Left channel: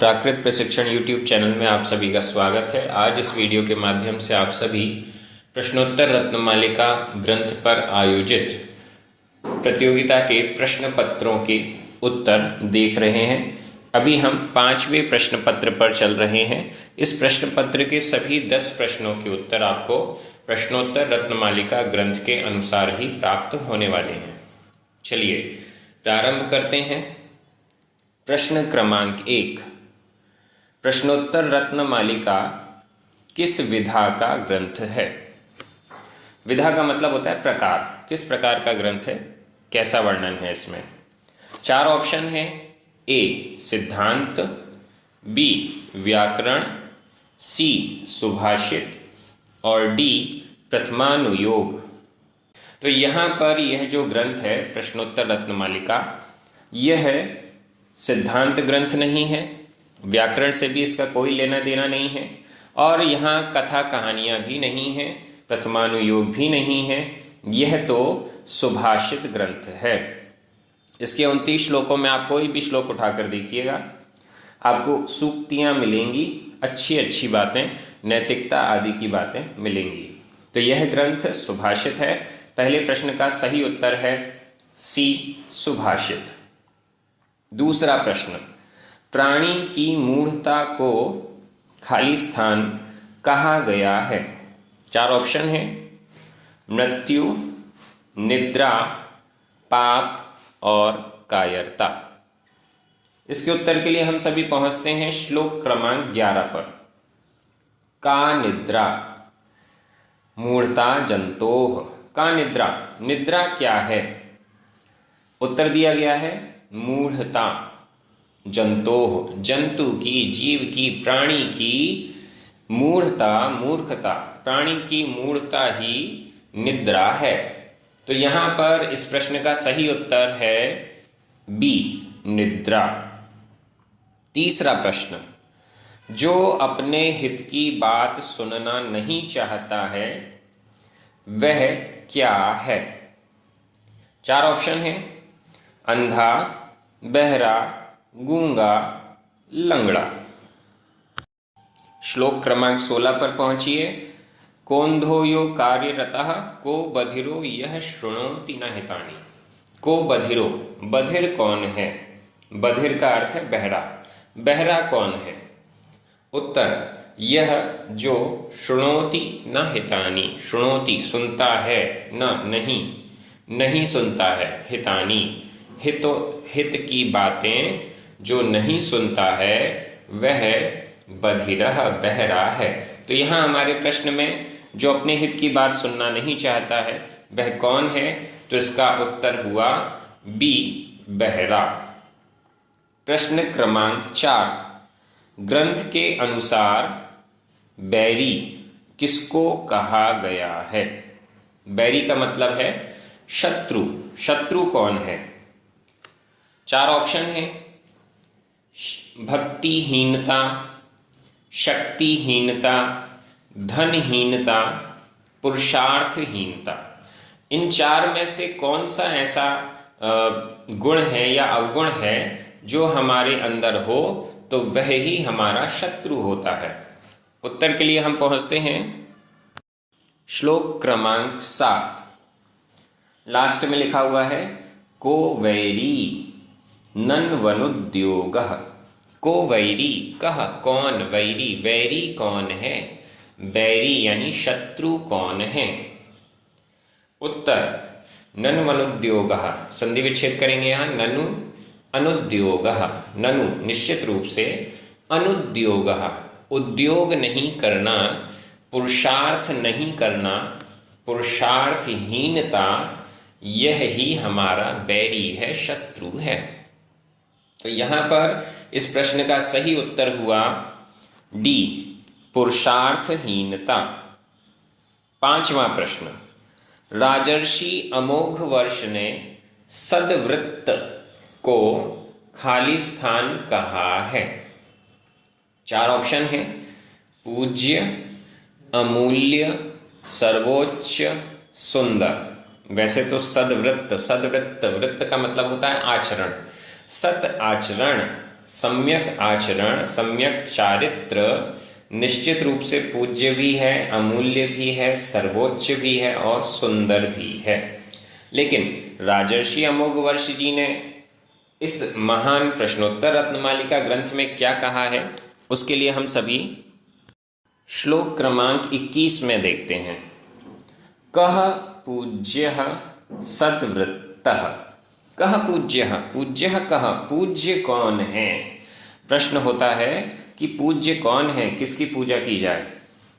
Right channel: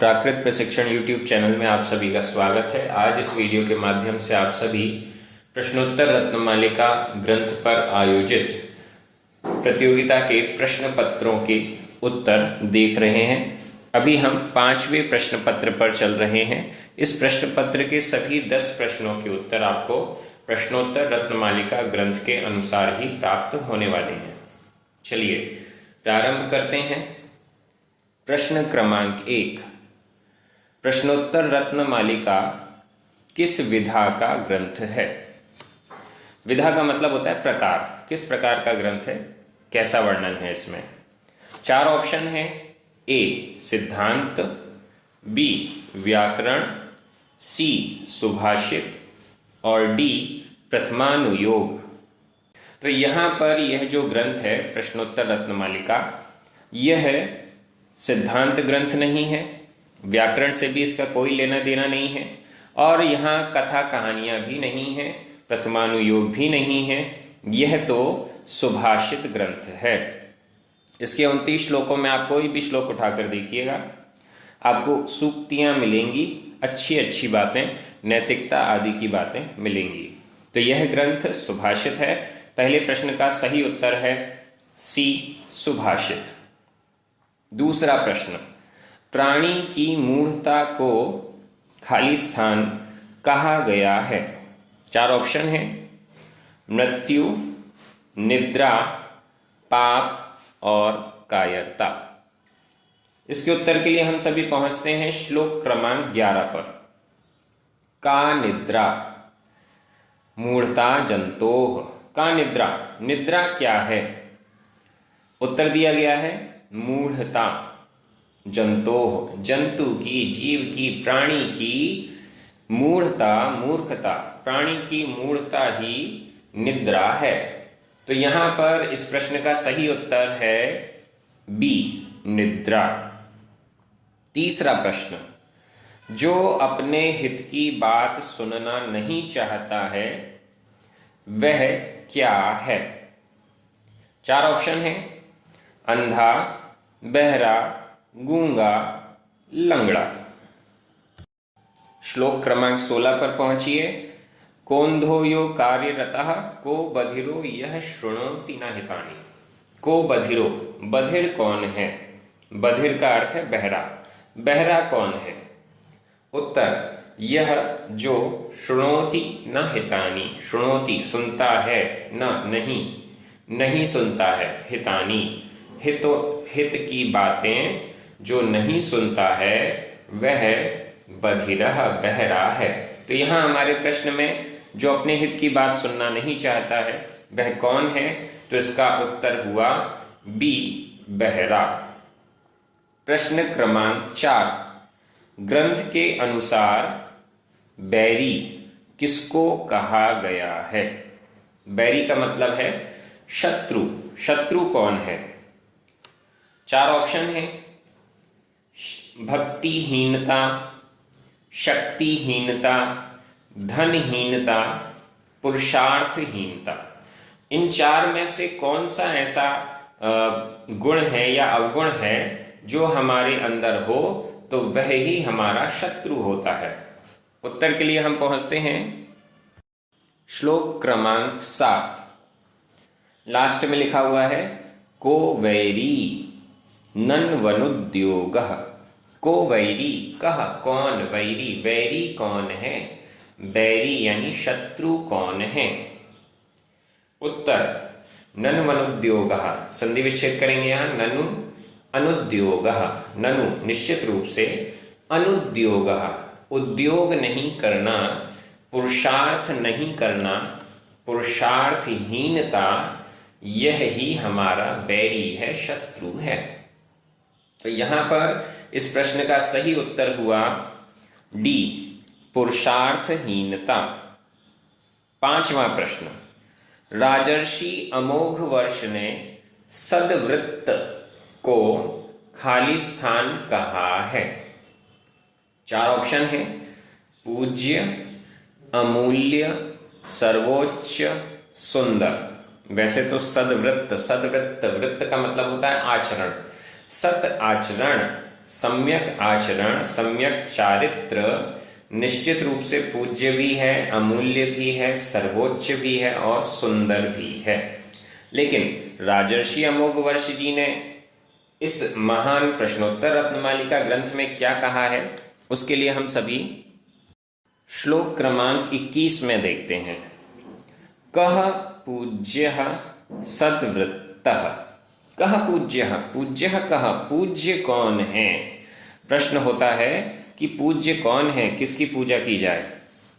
प्राकृत प्रशिक्षण YouTube channel में आप सभी का स्वागत है। आज इस वीडियो के माध्यम से आप सभी प्रश्नोत्तर रत्नमालिका ग्रंथ पर आयोजित प्रतियोगिता के प्रश्न पत्रों के उत्तर देख रहे हैं। अभी हम 5वें प्रश्न पत्र पर चल रहे हैं। इस प्रश्न पत्र के सभी 10 प्रश्नों के उत्तर आपको प्रश्नोत्तर रत्नमालिका ग्रंथ के अनुसार ही प्राप्त होने वाले हैं। चलिए प्रारंभ करते हैं। प्रश्न क्रमांक 1, प्रश्नोत्तर रत्नमालिका किस विधा का ग्रंथ है? विधा का मतलब होता है प्रकार, किस प्रकार का ग्रंथ है, कैसा वर्णन है इसमें। 4 ऑप्शन है। ए सिद्धांत, बी व्याकरण, सी सुभाषित और डी प्रथमानुयोग। तो यहाँ पर यह जो ग्रंथ है प्रश्नोत्तर रत्नमालिका, यह सिद्धांत ग्रंथ नहीं है, व्याकरण से भी इसका कोई लेना देना नहीं है और यहाँ कथा कहानियाँ भी नहीं हैं, प्रथमानुयोग भी नहीं है। यह तो सुभाषित ग्रंथ है। इसके 29 श्लोकों में आप कोई भी श्लोक उठाकर देखिएगा, आपको सूक्तियाँ मिलेंगी, अच्छी अच्छी बातें, नैतिकता आदि की बातें मिलेंगी। तो यह ग्रंथ सुभाषित है। पहले प्रश्न का सही उत्तर है सी सुभाषित। दूसरा प्रश्न, प्राणी की मूढ़ता को खाली स्थान कहा गया है? 4 ऑप्शन है। मृत्यु, निद्रा, पाप और कायरता। इसके उत्तर के लिए हम सभी पहुंचते हैं श्लोक क्रमांक 11 पर। का निद्रा मूढ़ता जंतोः। का निद्रा, निद्रा क्या है? उत्तर दिया गया है मूढ़ता। जंतोः, जंतु की, जीव की, प्राणी की मूढ़ता, मूर्खता, प्राणी की मूढ़ता ही निद्रा है। तो यहां पर इस प्रश्न का सही उत्तर है बी निद्रा। तीसरा प्रश्न, जो अपने हित की बात सुनना नहीं चाहता है वह क्या है? 4 ऑप्शन है। अंधा, बहरा, गूंगा, लंगड़ा। श्लोक क्रमांक 16 पर पहुंचिए। कोंधो यो कार्यरतः को बधिरो यह शृणोति न हितानि। को बधिरो, बधिर कौन है? बधिर का अर्थ है बहरा। बहरा कौन है? उत्तर, यह जो शृणोति न हितानि, शृणोति सुनता है, न नहीं, नहीं सुनता है, हितानि हित की बातें जो नहीं सुनता है वह बधिरः बहरा है। तो यहाँ हमारे प्रश्न में जो अपने हित की बात सुनना नहीं चाहता है वह कौन है? तो इसका उत्तर हुआ बी बहरा। प्रश्न क्रमांक 4, ग्रंथ के अनुसार बैरी किसको कहा गया है? बैरी का मतलब है शत्रु। शत्रु कौन है? 4 ऑप्शन है। भक्तिहीनता, शक्तिहीनता, धनहीनता, पुरुषार्थहीनता। इन 4 में से कौन सा ऐसा गुण है या अवगुण है जो हमारे अंदर हो तो वह ही हमारा शत्रु होता है? उत्तर के लिए हम पहुंचते हैं श्लोक क्रमांक 7। लास्ट में लिखा हुआ है को वैरी नन्वनुद्योगः। को वैरी, कह कौन वैरी, वैरी कौन है? बैरी यानी शत्रु कौन है? उत्तर, नन्वनुद्योगः। संधि विच्छेद करेंगे यहाँ, ननु अनुद्योगः। ननु निश्चित रूप से, अनुद्योगः उद्योग नहीं करना, पुरुषार्थ नहीं करना, पुरुषार्थहीनता, यह ही हमारा बैरी है, शत्रु है। तो यहाँ पर इस प्रश्न का सही उत्तर हुआ डी पुरुषार्थहीनता। 5वां प्रश्न, राजर्षि अमोघ वर्ष ने सद्वृत्त को खाली स्थान कहा है? 4 ऑप्शन है। पूज्य, अमूल्य, सर्वोच्च, सुंदर। वैसे तो सद्वृत्त, सद्वृत्त, वृत्त का मतलब होता है आचरण। सत आचरण, सम्यक आचरण, सम्यक चारित्र निश्चित रूप से पूज्य भी है, अमूल्य भी है, सर्वोच्च भी है और सुंदर भी है। लेकिन राजर्षि अमोघवर्ष जी ने इस महान प्रश्नोत्तर रत्नमालिका ग्रंथ में क्या कहा है, उसके लिए हम सभी श्लोक क्रमांक 21 में देखते हैं। कह पूज्यः सद्वृत्तः। कह पूज्यः, पूज्यः कह, पूज्य कौन है? प्रश्न होता है कि पूज्य कौन है, किसकी पूजा की जाए?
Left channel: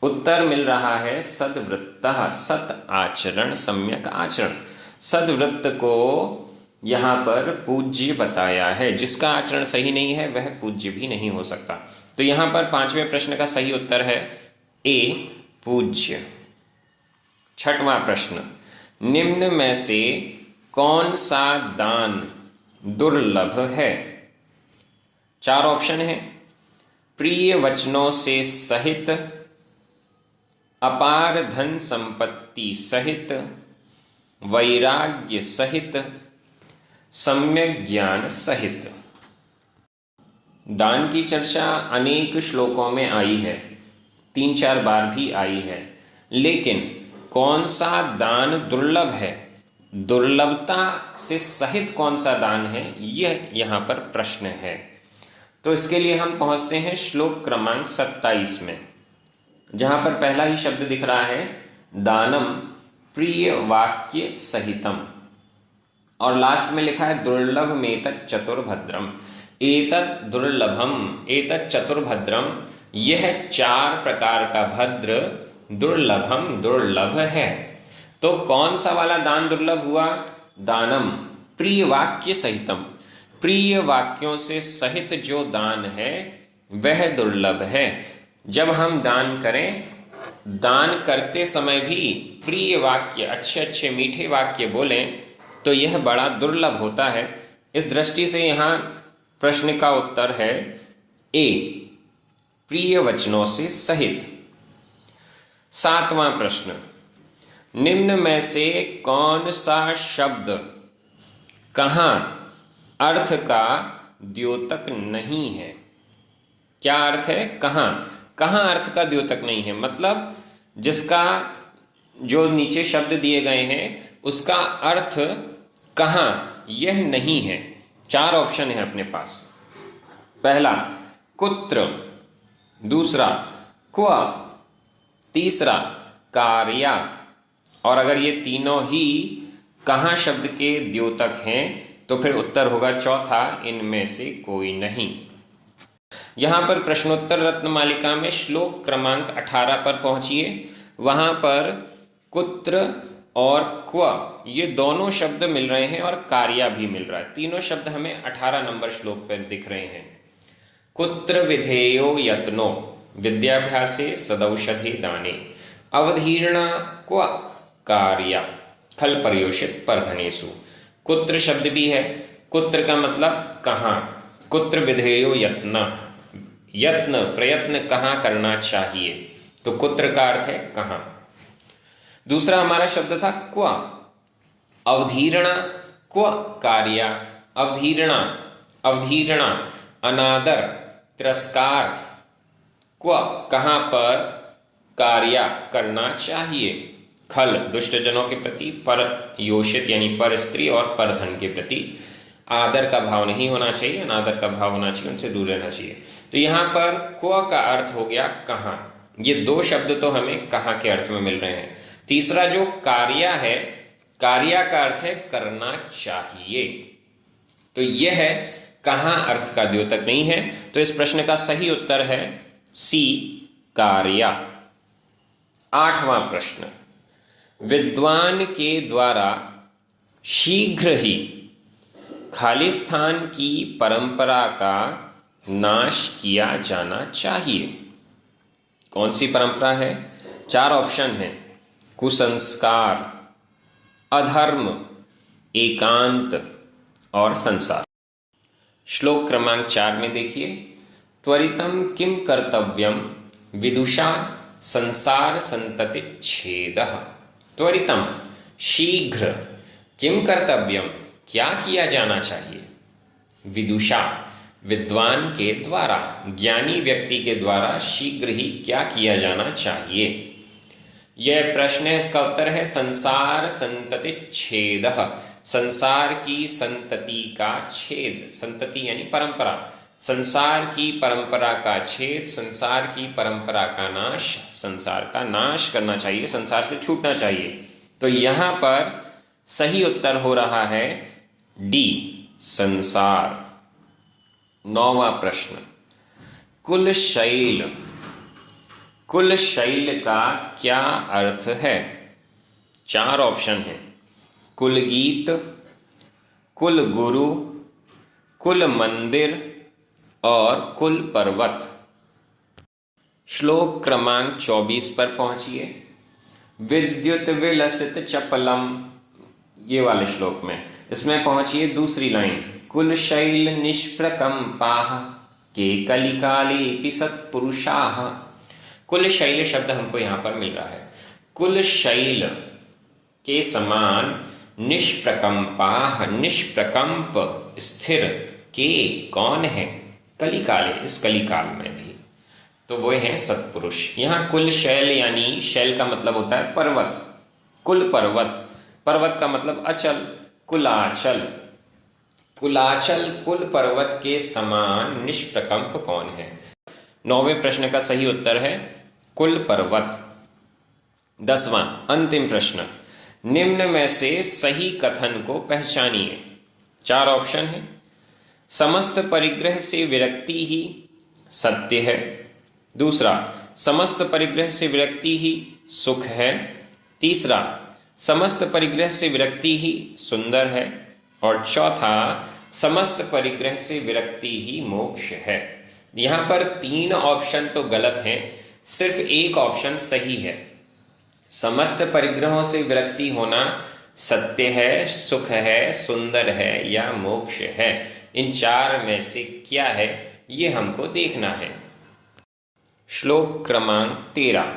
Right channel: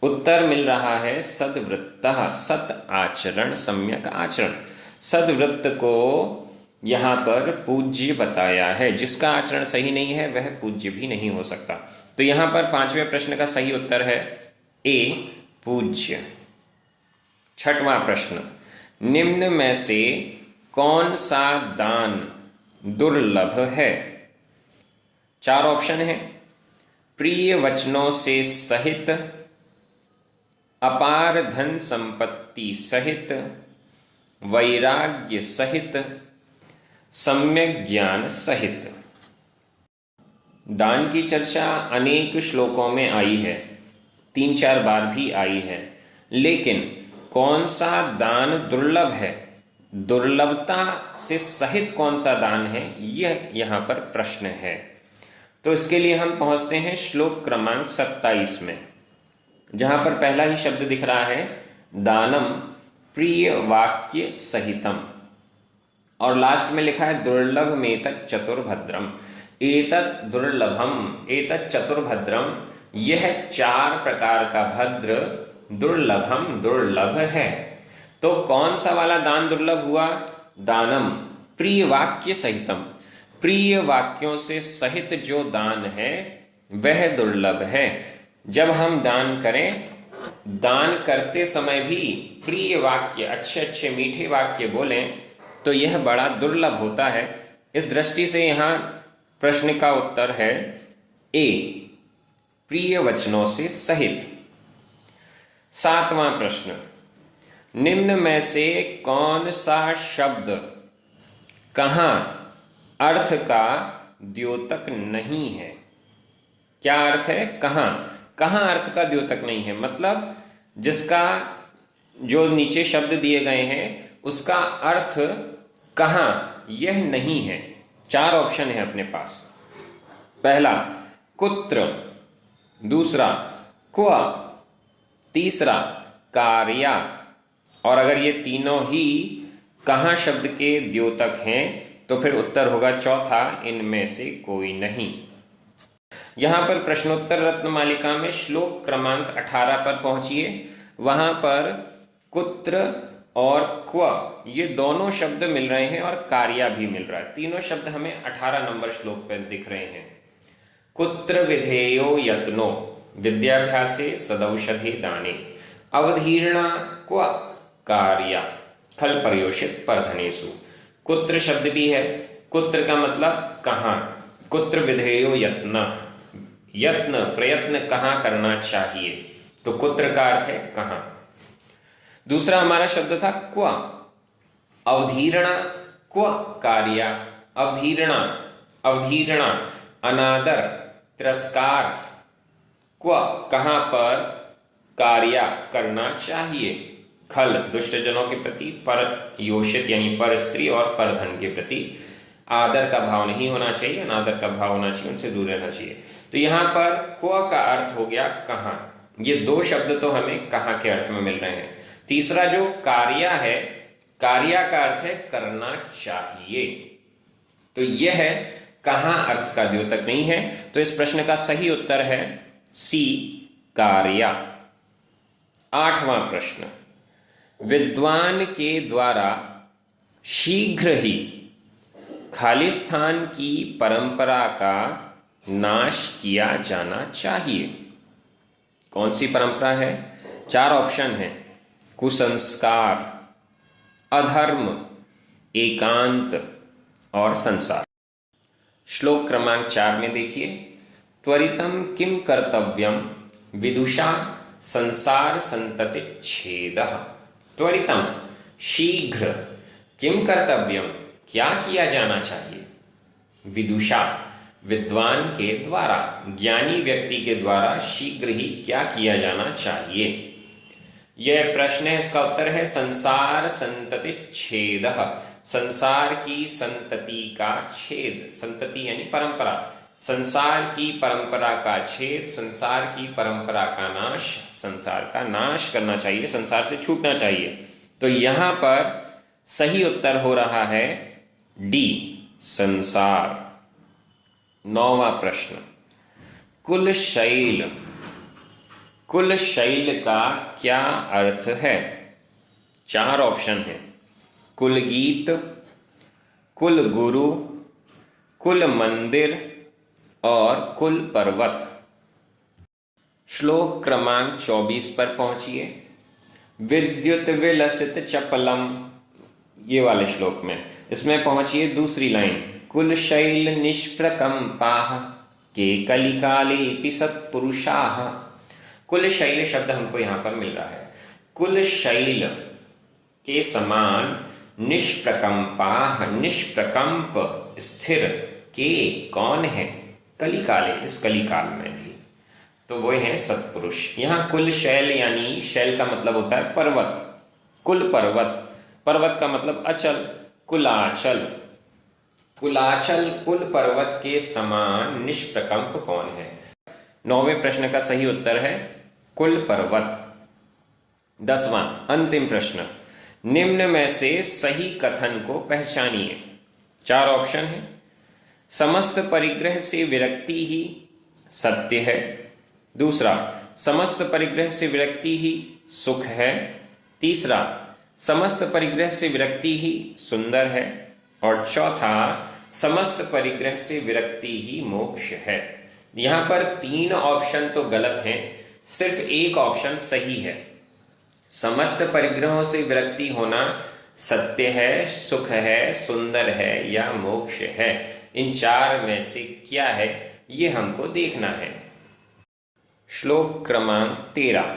उत्तर मिल रहा है सद्वृत्तः, सत आचरण, सम्यक आचरण। सद्वृत्त को यहाँ पर पूज्य बताया है। जिसका आचरण सही नहीं है वह पूज्य भी नहीं हो सकता। तो यहाँ पर 5वें प्रश्न का सही उत्तर है ए, पूज्य। 6वां प्रश्न, निम्न में से कौन सा दान दुर्लभ है? 4 ऑप्शन है। प्रिय वचनों से सहित, अपार धन संपत्ति सहित, वैराग्य सहित, सम्यक ज्ञान सहित। दान की चर्चा अनेक श्लोकों में आई है, 3-4 बार भी आई है। लेकिन कौन सा दान दुर्लभ है, दुर्लभता से सहित कौन सा दान है, यह यहाँ पर प्रश्न है। तो इसके लिए हम पहुंचते हैं श्लोक क्रमांक 27 में, जहां पर पहला ही शब्द दिख रहा है दानम प्रिय वाक्य सहितम, और लास्ट में लिखा है दुर्लभ में तत् चतुर्भद्रम। एतत् दुर्लभम, एतत् चतुर्भद्रम, यह 4 प्रकार का भद्र दुर्लभम, दुर्लभ है। तो कौन सा वाला दान दुर्लभ हुआ? दानम प्रिय वाक्य सहितम, प्रिय वाक्यों से सहित जो दान है वह दुर्लभ है। जब हम दान करें, दान करते समय भी प्रिय वाक्य, अच्छे अच्छे मीठे वाक्य बोलें, तो यह बड़ा दुर्लभ होता है। इस दृष्टि से यहाँ प्रश्न का उत्तर है ए, प्रिय वचनों से सहित। 7वां प्रश्न, निम्न में से कौन सा शब्द कहाँ अर्थ का द्योतक नहीं है? क्या अर्थ है? कहाँ, कहाँ अर्थ का द्योतक नहीं है, मतलब जिसका जो नीचे शब्द दिए गए हैं उसका अर्थ कहाँ यह नहीं है। 4 ऑप्शन है अपने पास। पहला कुत्र, दूसरा क्व, तीसरा कार्या, और अगर ये तीनों ही कहाँ शब्द के द्योतक हैं तो फिर उत्तर होगा चौथा, इनमें से कोई नहीं। यहां पर प्रश्नोत्तर रत्नमालिका में श्लोक क्रमांक 18 पर पहुंचिए। वहां पर कुत्र और क्व ये दोनों शब्द मिल रहे हैं और कार्या भी मिल रहा है। तीनों शब्द हमें 18 नंबर श्लोक पर दिख रहे हैं। कुत्र विधेयो यत्नो विद्याभ्यासे सदौषधि दाने, अवधीर्णा क्व कार्या खल पर्योषित परधनेषु। कुत्र शब्द भी है। कुत्र का मतलब कहाँ, कुत्र विधेयो यत्न, यत्न प्रयत्न कहाँ करना चाहिए, तो कुत्र का अर्थ है कहाँ। दूसरा हमारा शब्द था क्व, अवधीरणा क्व कार्या, अवधीरणा, अवधीरणा अनादर, तिरस्कार, क्व कहाँ पर कार्या करना चाहिए, खल दुष्टजनों के प्रति, पर योषित यानी पर स्त्री और पर धन के प्रति आदर का भाव नहीं होना चाहिए, अनादर का भाव होना चाहिए, उनसे दूर रहना चाहिए। तो यहाँ पर क्व का अर्थ हो गया कहाँ। ये 2 शब्द तो हमें कहाँ के अर्थ में मिल रहे हैं। तीसरा जो कार्या है, कार्या का अर्थ है करना चाहिए, तो यह है कहाँ अर्थ का द्योतक नहीं है। तो इस प्रश्न का सही उत्तर है सी, कार्या। 8वां प्रश्न, विद्वान के द्वारा शीघ्र ही खालिस्तान की परंपरा का नाश किया जाना चाहिए। कौन सी परंपरा है? 4 ऑप्शन है। कुसंस्कार, अधर्म, एकांत और संसार। श्लोक क्रमांक 4 में देखिए, त्वरितम किम कर्तव्यम विदुषा संसार संतति छेदः। त्वरितम शीघ्र, किम कर्तव्यम क्या किया जाना चाहिए, विदुषा विद्वान के द्वारा, ज्ञानी व्यक्ति के द्वारा शीघ्र ही क्या किया जाना चाहिए? यह प्रश्न है, इसका उत्तर है संसार संतति छेद। संसार की संतति का छेद, संतति यानी परंपरा, संसार की परंपरा का छेद, संसार की परंपरा का नाश, संसार का नाश करना चाहिए, संसार से छूटना चाहिए। तो यहां पर सही उत्तर हो रहा है डी, संसार। 9वां प्रश्न, कुलशैल। कुलशैल का क्या अर्थ है? 4 ऑप्शन है, कुलगीत, कुल गुरु, कुल मंदिर और कुल पर्वत। श्लोक क्रमांक 24 पर पहुंचिए। विद्युत विलसित चपलम, ये वाले श्लोक में, इसमें पहुंचिए दूसरी लाइन, कुलशैल निष्प्रकंपाः के कलिकाले सत्पुरुषाः। कुलशैल शब्द हमको यहां पर मिल रहा है। कुलशैल के समान निष्प्रकंपाः, निष्प्रकंप स्थिर के कौन है? कलिकाले, इस कलिकाल में भी, तो वो है सत्पुरुष। यहाँ कुल शैल यानी शैल का मतलब होता है पर्वत, कुल पर्वत, पर्वत का मतलब अचल, कुलाचल, कुलाचल कुल पर्वत के समान निष्प्रकंप कौन है? 9वें प्रश्न का सही उत्तर है कुल पर्वत। 10वां अंतिम प्रश्न, निम्न में से सही कथन को पहचानिए। 4 ऑप्शन है, समस्त परिग्रह से विरक्ति ही सत्य है। दूसरा, समस्त परिग्रह से विरक्ति ही सुख है। तीसरा, समस्त परिग्रह से विरक्ति ही सुंदर है। और चौथा, समस्त परिग्रह से विरक्ति ही मोक्ष है। यहां पर 3 ऑप्शन तो गलत हैं, सिर्फ एक ऑप्शन सही है। समस्त परिग्रहों से विरक्ति होना सत्य है, सुख है, सुंदर है या मोक्ष है। इन 4 में से क्या है, ये हमको देखना है। श्लोक क्रमांक 13,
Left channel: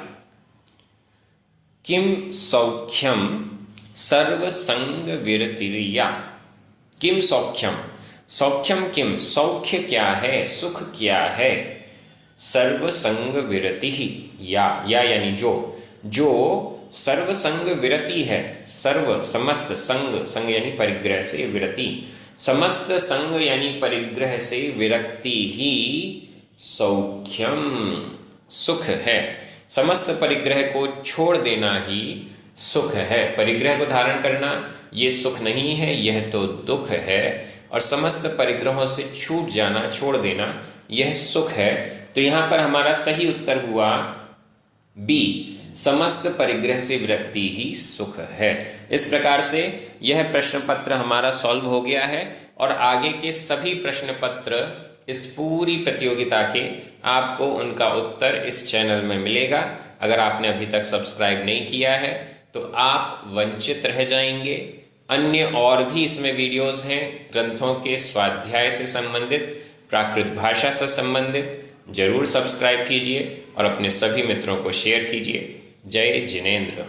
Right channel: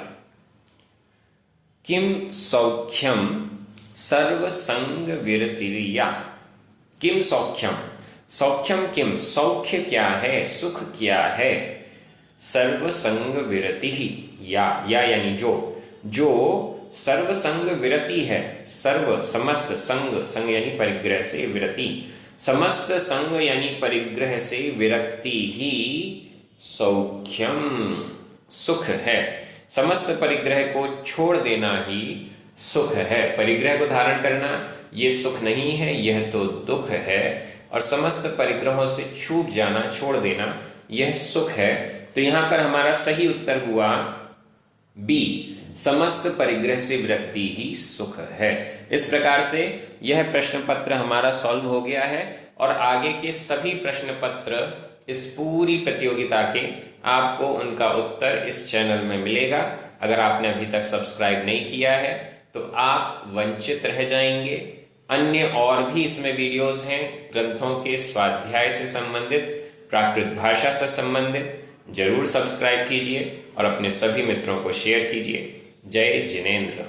किम सौख्यम सर्वसंग विरतिर्या। किम सौख्यम, सौख्यम किम, सौख्य क्या है, सुख क्या है? सर्वसंग विरति ही, या यानी जो सर्वसंग विरति है, सर्व समस्त, संग, संग यानी परिग्रह से विरति, समस्त संग यानी परिग्रह से विरक्ति ही सौख्यम, सुख है। समस्त परिग्रह को छोड़ देना ही सुख है। परिग्रह को धारण करना ये सुख नहीं है, यह तो दुख है। और समस्त परिग्रहों से छूट जाना, छोड़ देना, यह सुख है। तो यहां पर हमारा सही उत्तर हुआ बी, समस्त परिग्रह से विरक्ति ही सुख है। इस प्रकार से यह प्रश्न पत्र हमारा सॉल्व हो गया है और आगे के सभी प्रश्न पत्र इस पूरी प्रतियोगिता के आपको उनका उत्तर इस चैनल में मिलेगा। अगर आपने अभी तक सब्सक्राइब नहीं किया है तो आप वंचित रह जाएंगे। अन्य और भी इसमें वीडियोस हैं, ग्रंथों के स्वाध्याय से संबंधित, प्राकृत भाषा से संबंधित। जरूर सब्सक्राइब कीजिए और अपने सभी मित्रों को शेयर कीजिए। जय जिनेंद्र।